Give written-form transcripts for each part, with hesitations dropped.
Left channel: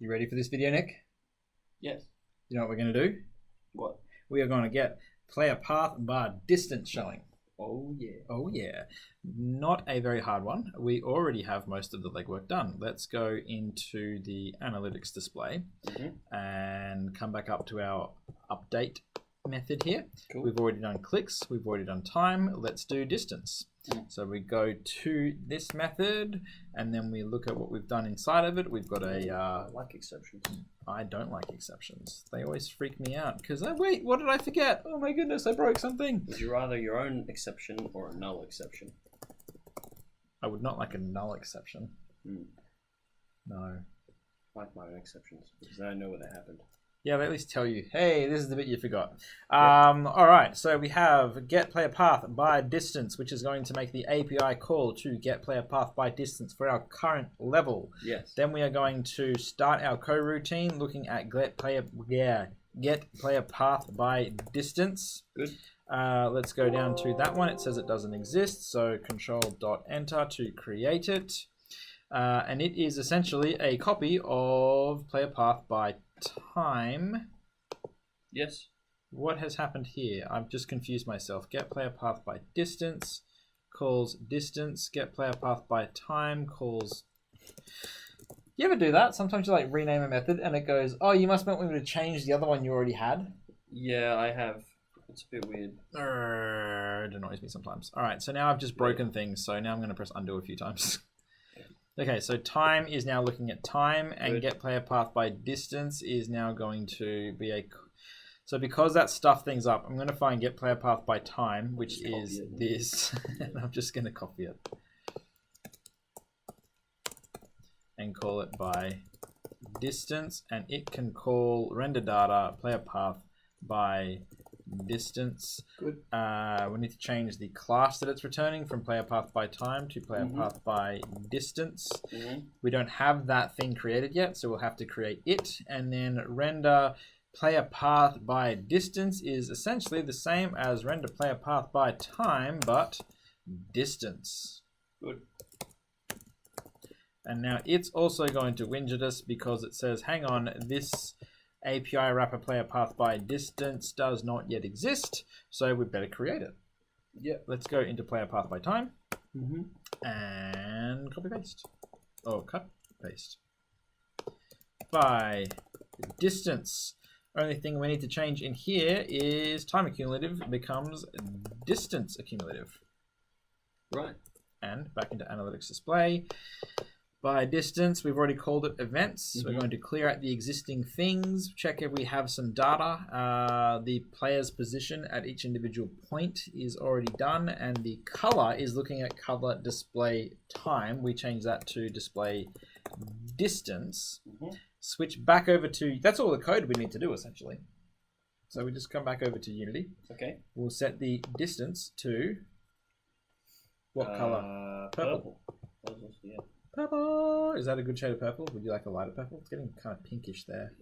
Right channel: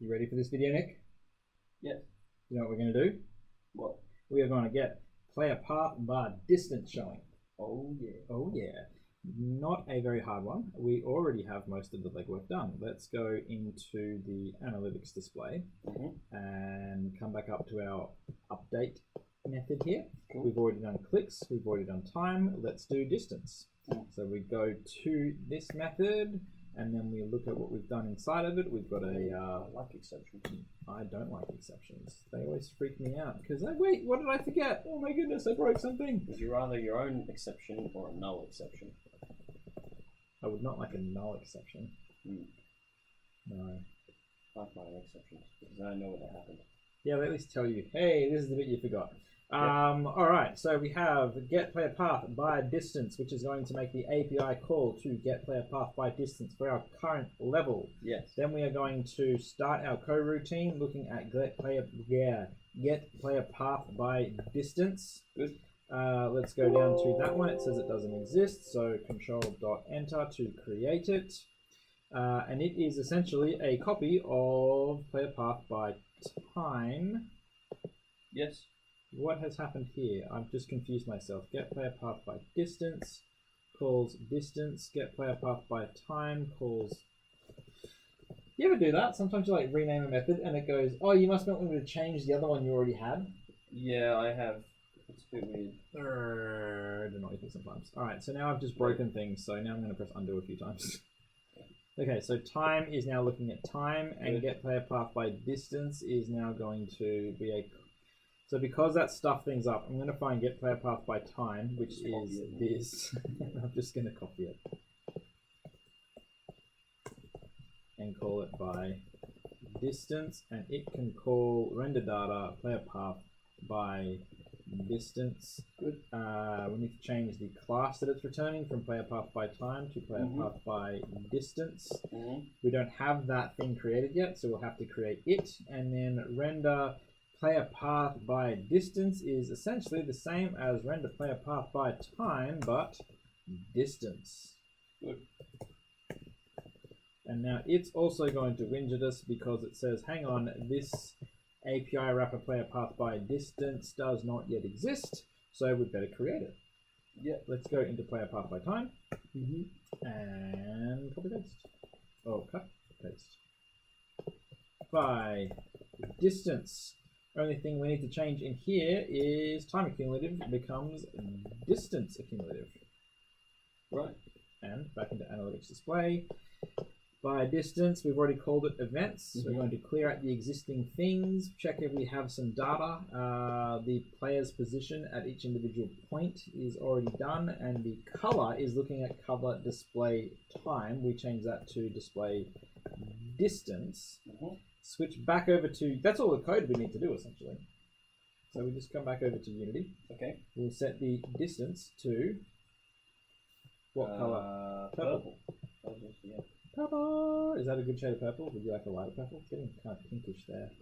You ready for this video, Nick? Yes. You know what we're going to do? What? We are going to get player path bar distance showing. Oh, yeah. Oh, yeah. Not a very hard one. We already have most of the legwork done. Let's go into the analytics display and come back up to our update method here. Cool. We've already done clicks. We've already done time. Let's do distance. So we go to this method and then we look at what we've done inside of it. We've got a... I like exceptions. I don't like exceptions. They always freak me out because, wait, what did I forget? Oh my goodness, I broke something. Would you rather your own exception or a null exception? I would not like a null exception. No. I like my own exceptions because then I know when they happened. Yeah, they at least tell you, hey, this is the bit you forgot. All right, so we have get player path by distance, which is going to make the API call to get player path by distance for our current level. Yes. Then we are going to start our coroutine looking at get player path by distance. Good. Let's go down to that one. It says it doesn't exist, so control.enter to create it. And it is essentially a copy of player path by time. Yes. What has happened here? I've just confused myself. Get player path by distance calls distance. Get player path by time calls... You ever do that? Sometimes you like rename a method and it goes, oh, you must want me to change the other one you already had. Yeah, I have. It's a bit weird. It annoys me sometimes. All right, so now I've just broken things. So now I'm going to press undo a few times. Okay, so time is now looking at time, and get player path by distance is now going to be a... So because that stuffed things up, I'm going to find get player path by time, which is this. And I'm just going to copy it. And call it by distance, and it can call render data player path by distance. Good. We need to change the class that it's returning from player path by time to player path by distance. We don't have that thing created yet, so we'll have to create it, and then render player path by distance is essentially the same as render player path by time, but distance. Good. And now it's also going to whinge at us because it says, hang on, this API wrapper player path by distance does not yet exist, so we better create it. Yeah. Let's go into player path by time and copy paste. Oh, cut paste. By distance. Only thing we need to change in here is time accumulative becomes distance accumulative. Right. And back into analytics display. By distance, we've already called it events. We're going to clear out the existing things, check if we have some data. The player's position at each individual point is already done, and the color is looking at color display time. We change that to display distance. Switch back over to, that's all the code we need to do essentially. So we just come back over to Unity. Okay. We'll set the distance to what color? Purple. Yeah. Purple! Is that a good shade of purple? Would you like a lighter purple? It's getting kind of pinkish there.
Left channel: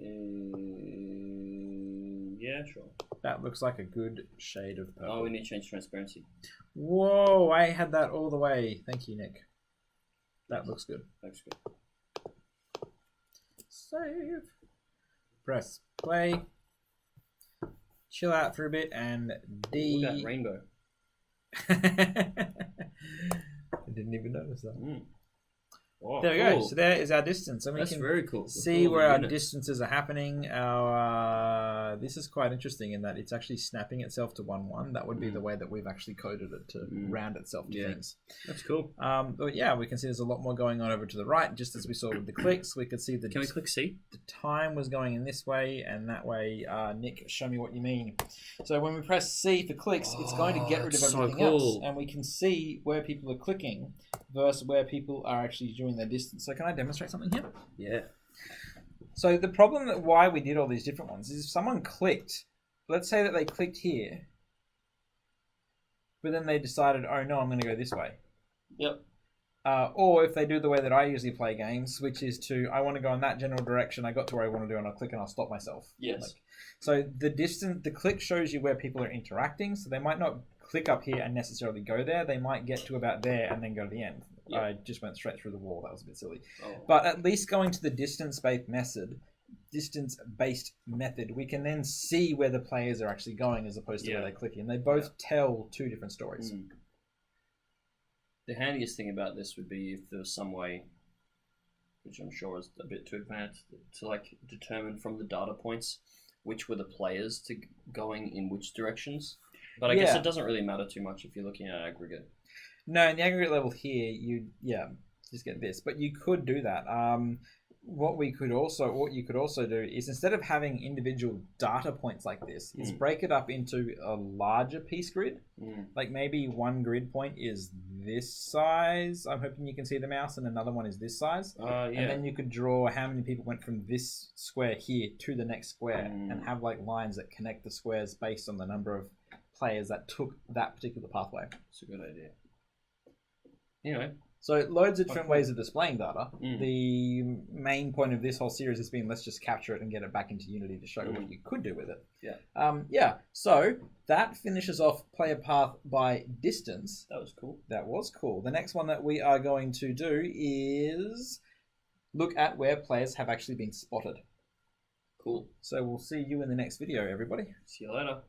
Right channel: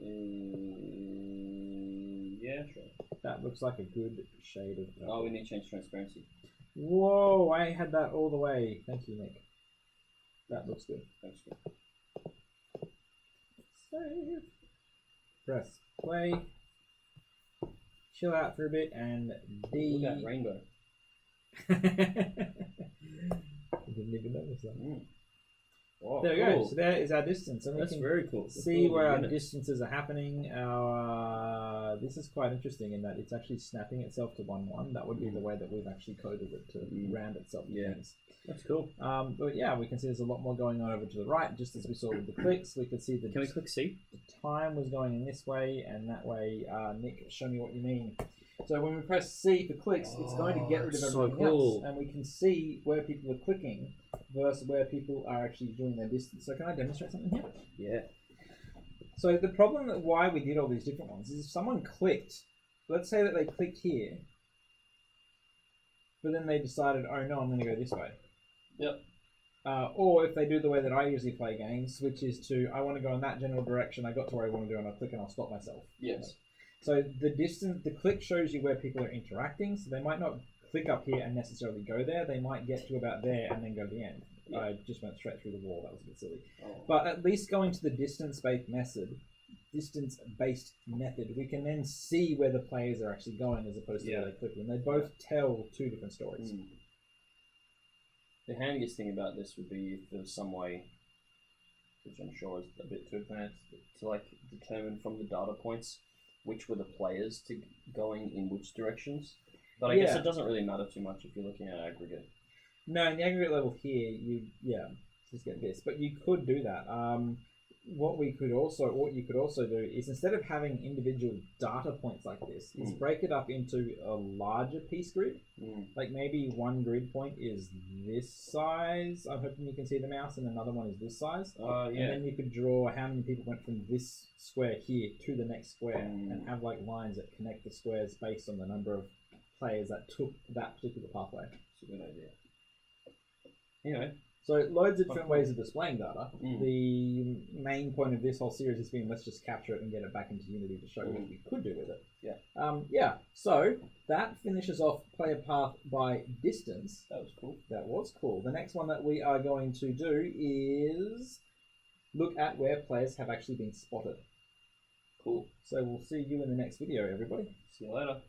Yeah, sure. That looks like a good shade of purple. Oh, we need to change transparency. Whoa, I had that all the way. Thank you, Nick. That looks good. Looks good. Save. Press play. Chill out for a bit and Look at that rainbow. I didn't even notice that. Oh, there we go. So there is our distance, and we That's can very cool. see where our distances are happening. This is quite interesting in that it's actually snapping itself to 1-1. That would be the way that we've actually coded it to round itself to things. That's cool. But yeah, we can see there's a lot more going on over to the right, just as we saw with the clicks. We could see the... Can we click C? The time was going in this way and that way. Nick, show me what you mean. So when we press C for clicks, it's going to get rid of everything else, and we can see where people are clicking versus where people are actually doing their distance. So can I demonstrate something here? Yeah. So the problem that why we did all these different ones is if someone clicked, let's say that they clicked here, but then they decided, oh no, I'm going to go this way. Yep. Or if they do the way that I usually play games, which is to, I want to go in that general direction, I got to where I want to do and I'll click and I'll stop myself. Yes. So the click shows you where people are interacting, so they might not click up here and necessarily go there. They might get to about there and then go to the end. Yeah. I just went straight through the wall. That was a bit silly. Oh. But at least going to the distance-based method, we can then see where the players are actually going as opposed to where they click in. They both tell two different stories. The handiest thing about this would be if there was some way, which I'm sure is a bit too advanced, to like determine from the data points which were the players to going in which directions. But I guess it doesn't really matter too much if you're looking at aggregate. No, in the aggregate level here, you just get this. But you could do that. What you could also do is, instead of having individual data points like this, is break it up into a larger piece grid. Like maybe one grid point is this size. I'm hoping you can see the mouse, and another one is this size. And then you could draw how many people went from this square here to the next square, and have like lines that connect the squares based on the number of players that took that particular pathway. It's a good idea. Anyway. So loads of different ways of displaying data. The main point of this whole series has been, let's just capture it and get it back into Unity to show what you could do with it. So that finishes off player path by distance. That was cool. That was cool. The next one that we are going to do is look at where players have actually been spotted. Cool. So we'll see you in the next video, everybody. See you later.